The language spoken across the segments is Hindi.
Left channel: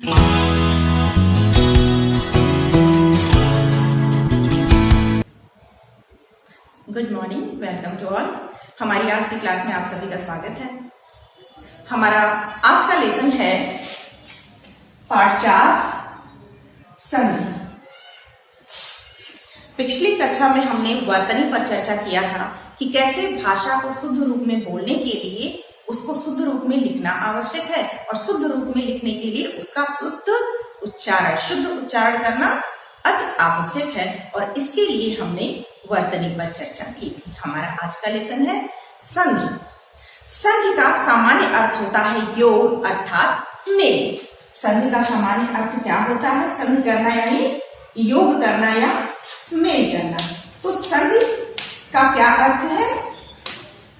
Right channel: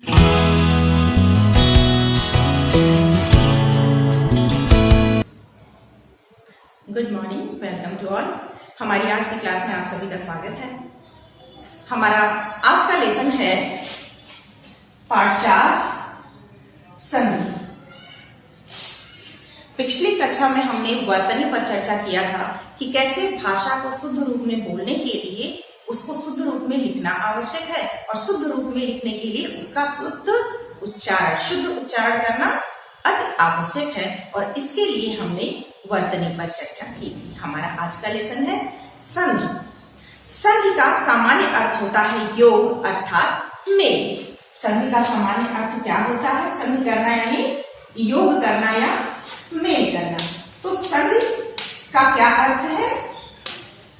Good morning, welcome to all. हमारी आज की क्लास में आप सभी का स्वागत है। हमारा आज का लेसन है पार्ट 4 संधि। पिछली कक्षा में हमने वर्तनी पर चर्चा किया था कि कैसे भाषा को शुद्ध रूप में बोलने के लिए उसको शुद्ध रूप में लिखना आवश्यक है और शुद्ध रूप में लिखने के लिए उसका शुद्ध उच्चारण करना अति आवश्यक है और इसके लिए हमने वर्तनी पर चर्चा की थी। हमारा आज का लेसन है संधि। संधि का सामान्य अर्थ होता है योग अर्थात मेल। संधि का सामान्य अर्थ क्या होता है? संधि करना यानी योग करना या मेल करना। तो संधि का क्या अर्थ है?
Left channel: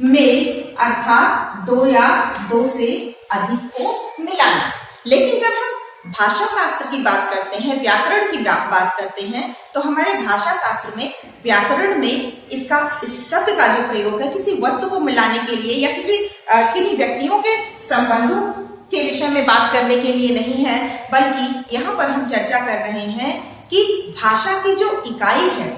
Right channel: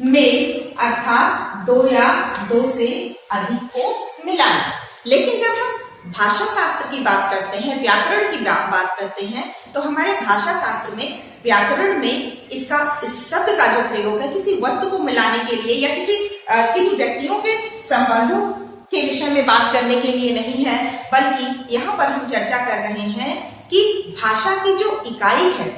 मेल अर्थात दो या दो से अधिक को मिलाना। लेकिन जब हम भाषा शास्त्र की बात करते हैं, व्याकरण की बात करते हैं, तो हमारे भाषा शास्त्र में व्याकरण में इसका इस शब्द का जो प्रयोग है किसी वस्तु को मिलाने के लिए या किन्हीं व्यक्तियों के संबंधों के विषय में बात करने के लिए नहीं है, बल्कि यहाँ पर हम चर्चा कर रहे हैं कि भाषा की जो इकाई है,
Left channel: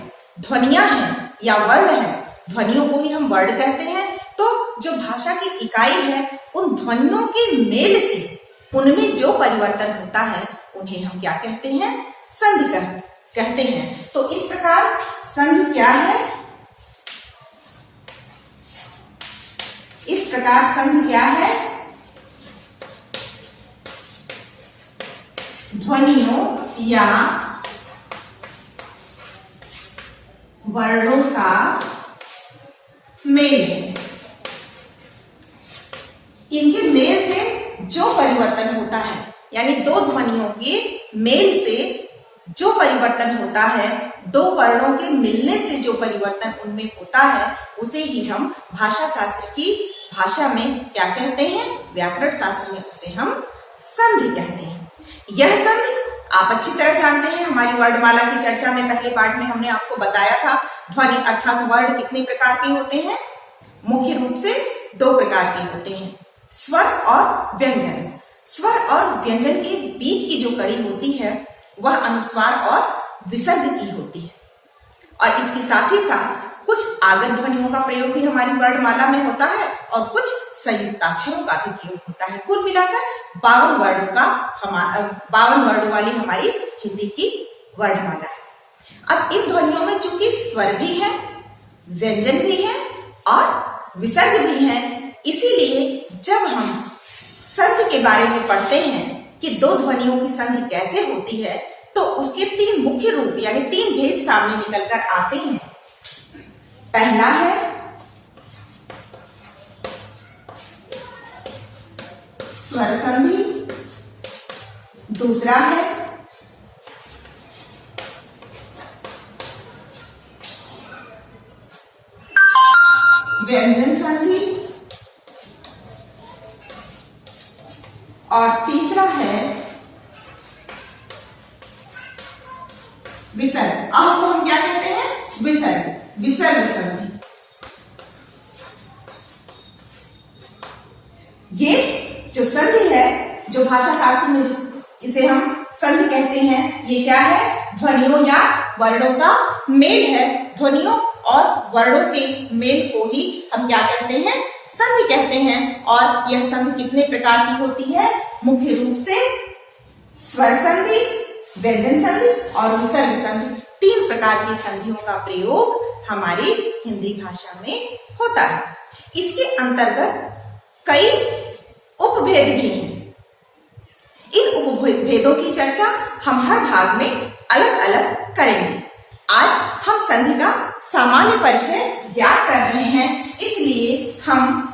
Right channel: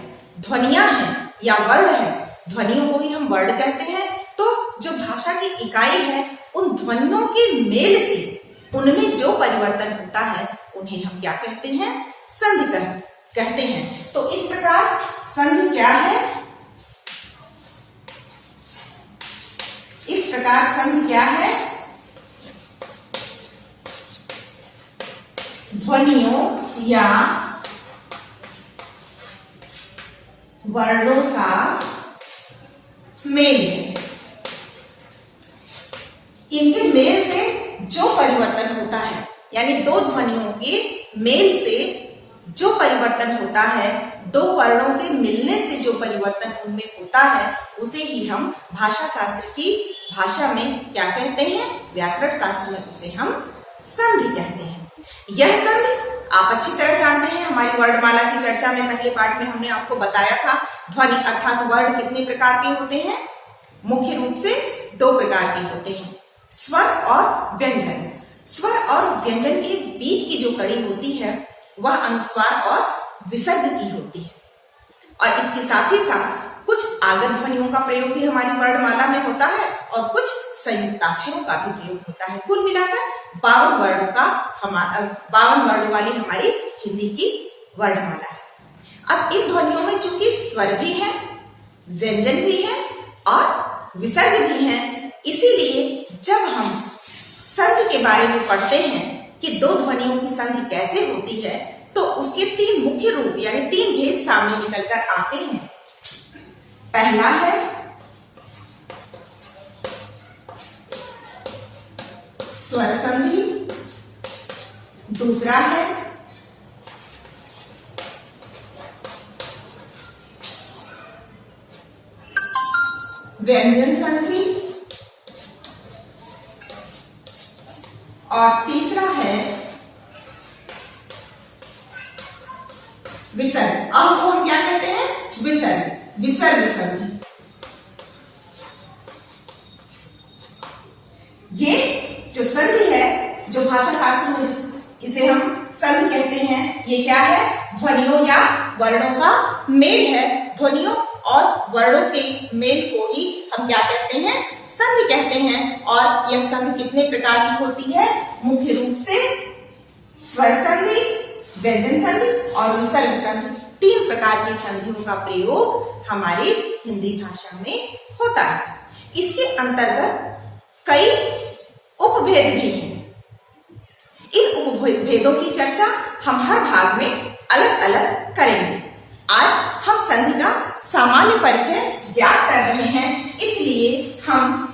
ध्वनियां हैं या वर्ण है, ध्वनियों को ही हम वर्ण कहते हैं। तो जो भाषा की इकाई है, उन ध्वनियों के मेल से उनमें जो परिवर्तन होता है उन्हें हम क्या कहते हैं? संधि कहते हैं। तो इस प्रकार संधि क्या है? इस प्रकार संधि क्या है? ध्वनियों या वर्णों का मेल है। इनके मेल से जो परिवर्तन होता है, यानी दो ध्वनियों के मेल से जो परिवर्तन होता है, दो वर्णों के मिलने से जो परिवर्तन उनमें होता है, उसे ही हम भाषा शास्त्र की भाषा में क्या कहते हैं? व्याकरण शास्त्र में उसे हम संधि कहते हैं। यह संधि आप अच्छी तरह जानते हैं। हमारी वर्णमाला की चर्चा में पहले पार्ट में हमने आपको बताया था ध्वनि अर्थात वर्ण कितने प्रकार के होते हैं। मुख्य रूप से दो प्रकार के होते हैं, स्वर और व्यंजन। स्वर और व्यंजन के बीच की जो कड़ी होती है वह अनुस्वार और विसर्ग की होती है और इसके साथ ही साथ कुछ आगत ध्वनियों का प्रयोग भी हमारी वर्णमाला में होता है और कुछ संयुक्ताक्षरों का भी प्रयोग होता है। कुल मिलाकर 52 वर्णों वाली हमारी हिंदी की वर्णमाला है। अब इन ध्वनियों में चूंकि स्वर भी है, व्यंजन भी है और विसर्ग भी है, इसीलिए जब हम संधि के बारे में पढ़ते हैं कि दो ध्वनियों की संधि कैसे होती है, तो उसके तीन मुख्य रूप यानी तीन भेद सामने निकलकर आते हैं। पहला है स्वर संधि, दूसरा है व्यंजन संधि और तीसरा है विसर्ग। अब को हम क्या कहते हैं? विसर्ग संधि। ये जो संधि है, जो भाषा शास्त्र में इसे हम संधि कहते हैं, ये क्या है? ध्वनियों या वर्णों का मेल है। ध्वनियों और वर्णों के मेल को ही हम क्या कहते हैं? संधि कहते हैं। और यह संधि कितने प्रकार की होती है? मुख्य रूप से स्वर संधि, व्यंजन संधि और विसर्ग संधि। तीन प्रकार की संधियों का प्रयोग हमारी हिंदी भाषा में होता है। इसके अंतर्गत कई उपभेद भी हैं। इन उपभेदों की चर्चा हम हर भाग में अलग अलग करेंगे। आज हम संधि का सामान्य परिचय ज्ञात कर रहे हैं, इसलिए हम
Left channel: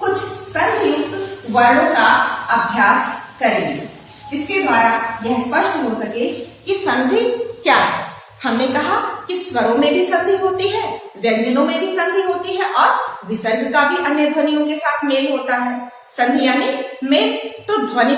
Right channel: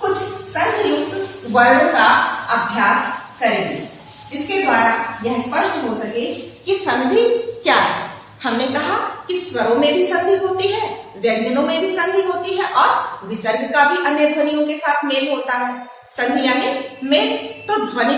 कुछ संधि युक्त वर्णों का अभ्यास करेंगे, जिसके द्वारा यह स्पष्ट हो सके कि संधि क्या है। हमने कहा कि स्वरों में भी संधि होती है, व्यंजनों में भी संधि होती है और विसर्ग का भी अन्य ध्वनियों के साथ मेल होता है। संधि यानी मेल। तो ध्वनि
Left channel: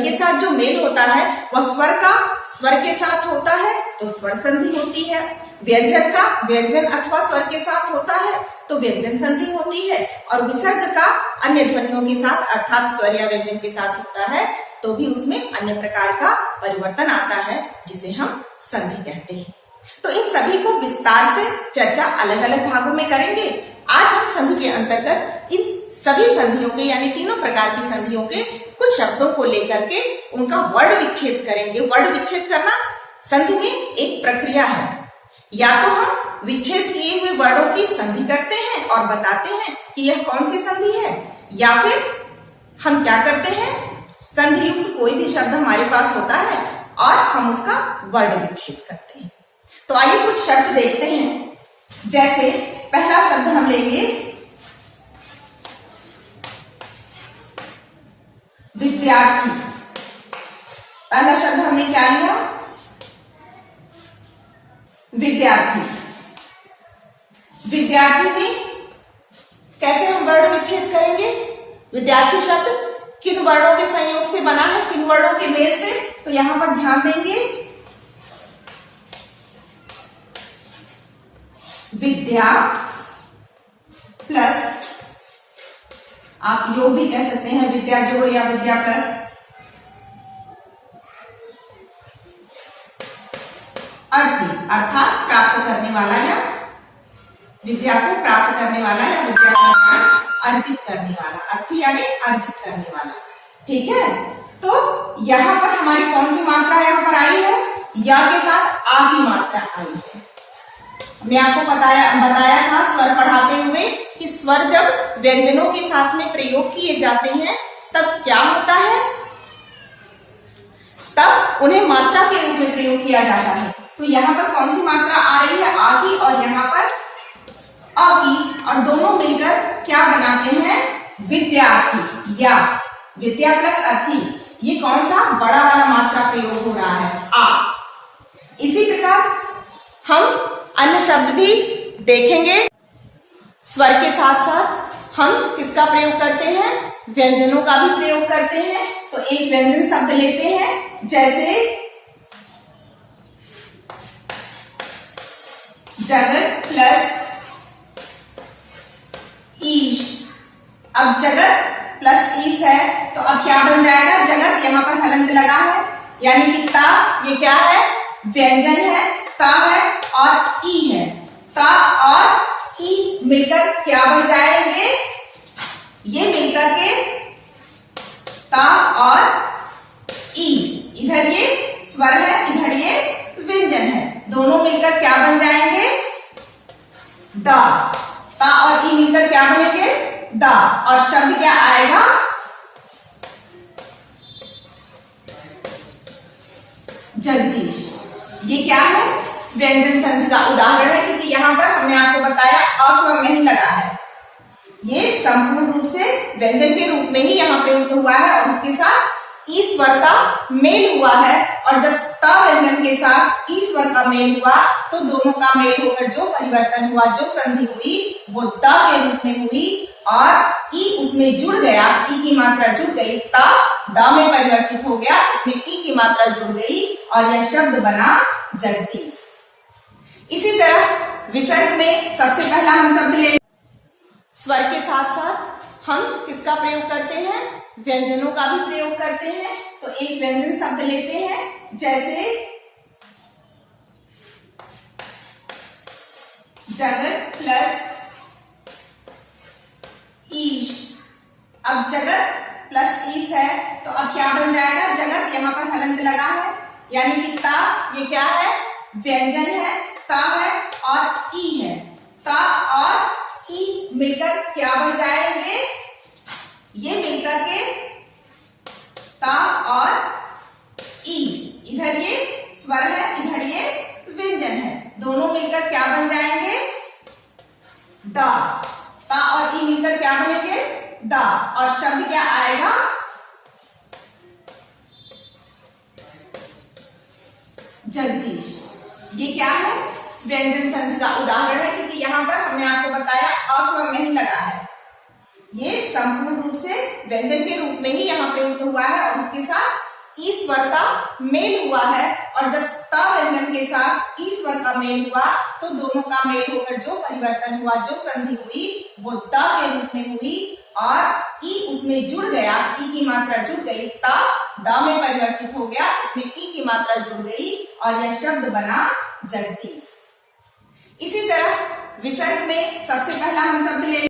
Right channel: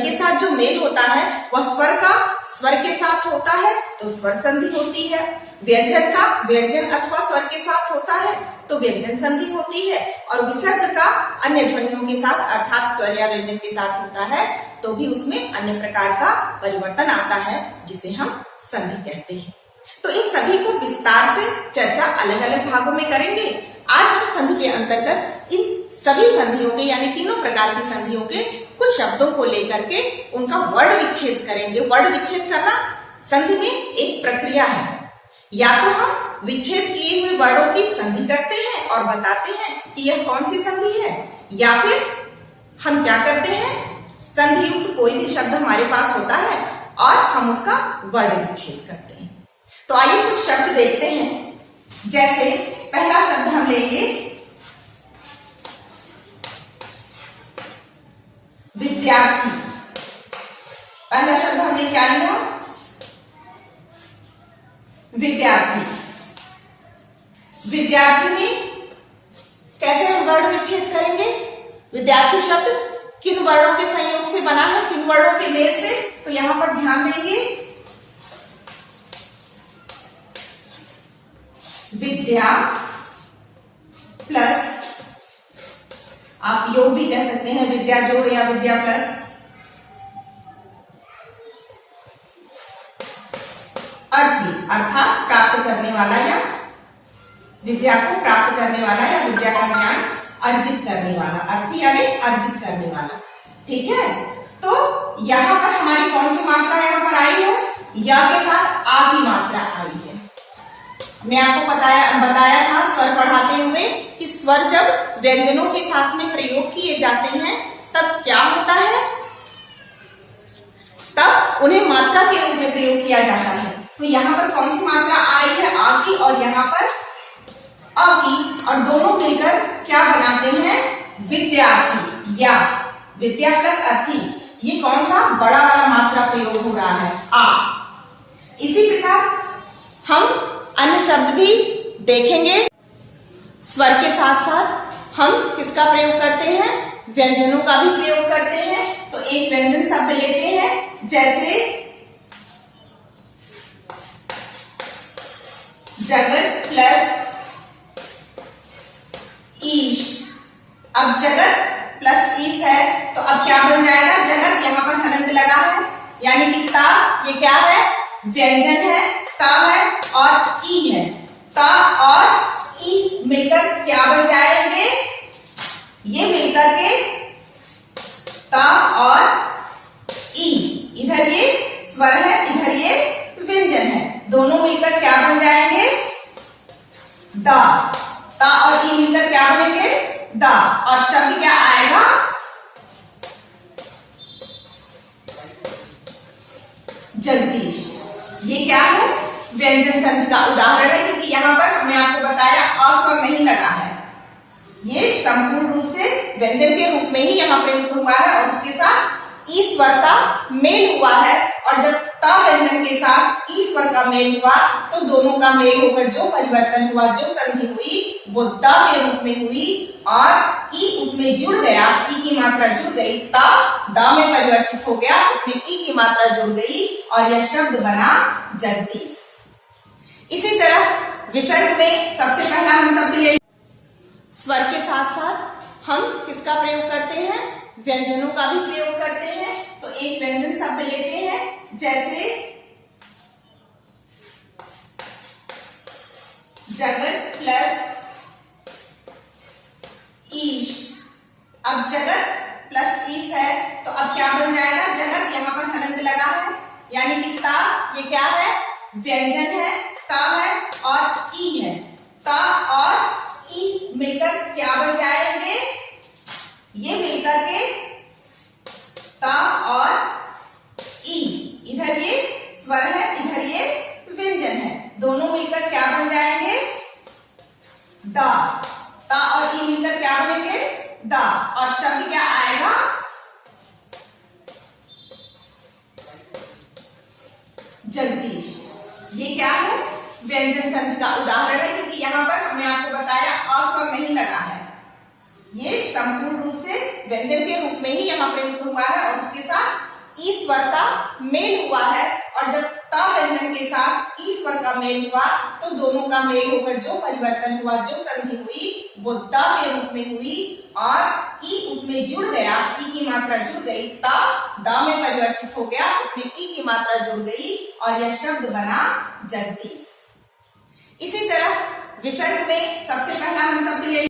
के साथ जो मेल होता है वह स्वर के साथ होता है तो स्वर संधि होती है। व्यंजन का व्यंजन अथवा स्वर के साथ होता है तो व्यंजन संधि होती है, और विसर्ग का अन्य ध्वनियों के साथ अर्थात स्वर या व्यंजन के साथ होता है तो भी उसमें अन्य प्रकार का परिवर्तन आता है जिसे हम संधि कहते हैं। तो इन सभी को विस्तार से चर्चा अलग अलग भागों में करेंगे। आज हम संधि के अंतर्गत इन सभी संधियों के यानी तीनों प्रकार की संधियों के कुछ शब्दों को लेकर के उनका वर्ण विच्छेद करेंगे। वर्ण विच्छेद करना संधि में एक प्रक्रिया है। या तो हम विच्छेद किए हुए वर्णों की संधि करते हैं और बताते हैं कि यह कौन सी संधि है, या फिर हम क्या करते हैं, संधि युक्त कोई भी शब्द हमारे पास होता है और हम उसका वर्ण विच्छेद करते हैं। तो आइए कुछ शब्द देखते हैं। जैसे पहला शब्द हम लेंगे विद्यार्थी। पहला शब्द हमने क्या लिया, विद्यार्थी। विद्यार्थी में कैसे हम वर्ण विच्छेद करेंगे? विद्यार्थी शब्द किन वर्णों के संयोग से बना है, किन वर्णों के मेल से, तो यहां पर ध्यान देंगे। विद्या प्लस, आप योग भी कह सकते हैं, विद्या जो या विद्या प्लस अर्थी अर्थात प्राप्त करने वाला, या विद्या को प्राप्त करने वाला या विद्या का ज्ञान अर्जित करने वाला। अर्थी यानी अर्जित करने वाला। ठीक है, तो यहां पर हमारी कौन सी मात्रा यहां पर आई है? या के साथ आ की मात्रा आई है। मैं आपको बताया था स्वर पढ़ाते हुए कि स्वर जब व्यंजनों के साथ में प्रयोग किए जाते हैं तब क्या होता है, तब उन्हें मात्रा के रूप में प्रयोग किया जाता है। तो यहाँ पर कौन सी मात्रा आ रही है? आ की, और यहाँ पर अ की, और दोनों मिलकर क्या बनाते हैं? विद्यार्थी या विद्या प्लस अर्थी। ये कौन सा बड़ा वाला मात्रा प्रयोग हो रहा है? आ। इसी प्रकार हम अन्य शब्द भी देखेंगे। स्वर के साथ साथ हम किसका प्रयोग करते हैं? व्यंजनों का भी प्रयोग करते हैं। तो एक व्यंजन शब्द लेते हैं, जैसे जगत प्लस ईश। अब जगत प्लस ईश है तो अब क्या बन जाएगा? जगत, यहां पर हलंत लगा है यानी कि ता, ये क्या है? व्यंजन है, ता है और ई है। ता और ई मिलकर क्या बन जाएंगे? ये मिलकर के ता और ई, इधर ये स्वर है, इधर ये व्यंजन है, दोनों मिलकर क्या बन जाएंगे? दा। ता और ई मिलकर क्या बनेंगे? दा। और शब्द क्या आएगा? जगदीश। ये क्या है? व्यंजन संधि का उदाहरण है, क्योंकि यहां पर हमने आपको बताया अस्वर नहीं लगा है। ये संपूर्ण रूप से व्यंजन के रूप में ही यहाँ प्रयुक्त हुआ है और उसके साथ ई स्वर का मेल हुआ है। और जब ता व्यंजन के साथ ई स्वर का मेल हुआ तो दोनों का मेल होकर जो परिवर्तन हुआ, जो संधि हुई, वो ता के रूप में हुई और ई उसमें जुड़ गया, ई की मात्रा जुड़ गई, ता दा में परिवर्तित हो गया, उसमें ई की मात्रा जुड़ गई और यह शब्द बना जगदीश। इसी तरह विसर्ग में सबसे पहला हम शब्द ले, स्वर के साथ साथ हम किसका प्रयोग करते हैं? व्यंजनों का भी प्रयोग करते हैं। तो एक व्यंजन शब्द लेते हैं, जैसे जगत प्लस ईश। अब जगत प्लस ईश है तो अब क्या बन जाएगा? जगत, यहां पर हलंत लगा है यानी कि ता, ये क्या है? व्यंजन है, ता है और ई है। ता और ई मिलकर क्या बन जाएंगे? ये मिलकर के ता और ई, इधर ये स्वर है, इधर ये व्यंजन है, दोनों मिलकर क्या बन जाएंगे? दा। ता और ई मिलकर क्या बनेंगे? दा। और शब्द क्या आएगा? जगदीश। ये क्या है? व्यंजन संधि का उदाहरण है, क्योंकि यहां पर हमने आपको बताया अस्वर नहीं लगा है। ये संपूर्ण रूप से व्यंजन के रूप में ही यहाँ प्रयुक्त हुआ है और उसके साथ ई स्वर का मेल हुआ है। और जब ता व्यंजन के साथ ई स्वर का मेल हुआ तो तो दोनों का मेल होकर जो परिवर्तन हुआ, जो संधि हुई वो द के रूप में हुई और ई उसमें जुड़ गया, ई की मात्रा जुड़ गई, ता द में परिवर्तित हो गया, उसमें ई की मात्रा जुड़ गई और यह शब्द बना जगदीश। इसी तरह विसर्ग में सबसे पहला हम शब्द ले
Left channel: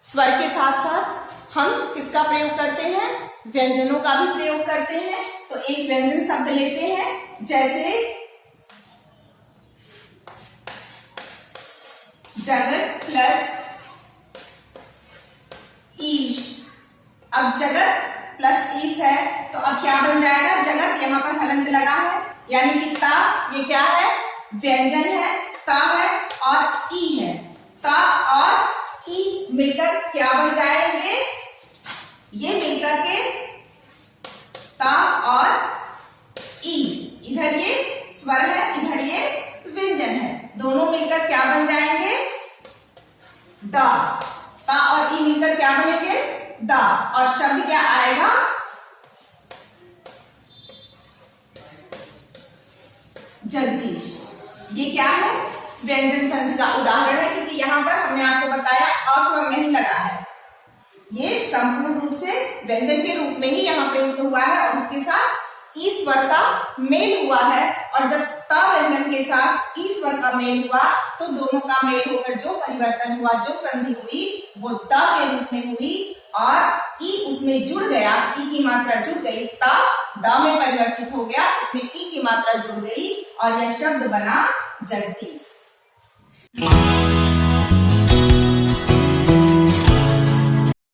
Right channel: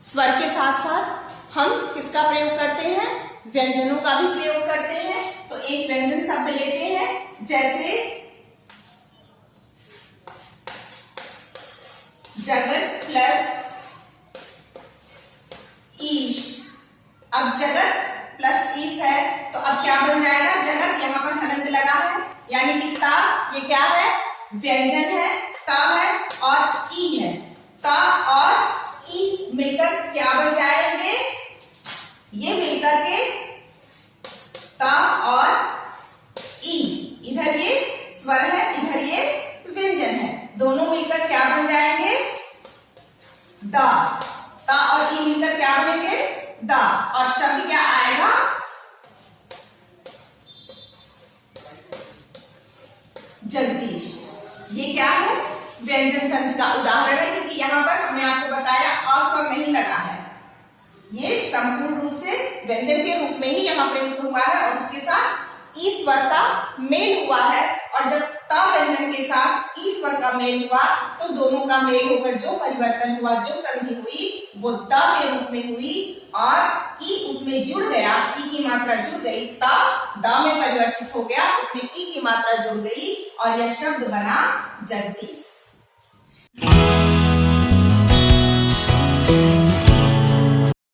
स्वर के साथ साथ हम किसका प्रयोग करते हैं, व्यंजनों का भी प्रयोग करते हैं। तो एक व्यंजन शब्द लेते हैं जैसे जगत प्लस ईश। अब जगत प्लस ईश है तो अब क्या बन जाएगा, जगत यहाँ पर हलंत लगा है यानी कि ता, ये क्या है, व्यंजन है, ता है और ई है। ता और ई मिलकर क्या बन जाएंगे, ये मिलकर के ता और ई, इधर ये स्वर है, इधर ये व्यंजन है, दोनों मिलकर क्या बन जाएंगे, दा। ता और ई मिलकर क्या बनेंगे, दा। और शब्द क्या आएगा, जगदीश। ये क्या है, व्यंजन संधि का उदाहरण है, क्योंकि यहाँ पर हमने आपको बताया अस्वर नहीं लगा है, ये संपूर्ण रूप से व्यंजन के रूप में ही यहाँ प्रयुक्त हुआ है और उसके साथ ई स्वर का मेल हुआ है। और जब ता व्यंजन के साथ ई स्वर का मेल हुआ तो दोनों का मेल होकर जो परिवर्तन हुआ, जो संधि हुई वो द के रूप में हुई और ई उसमें जुड़ गया, ई की मात्रा जुड़ गई, ता द में परिवर्तित हो गया, उसमें ई की मात्रा जुड़ गई और यह शब्द बना जगदीश।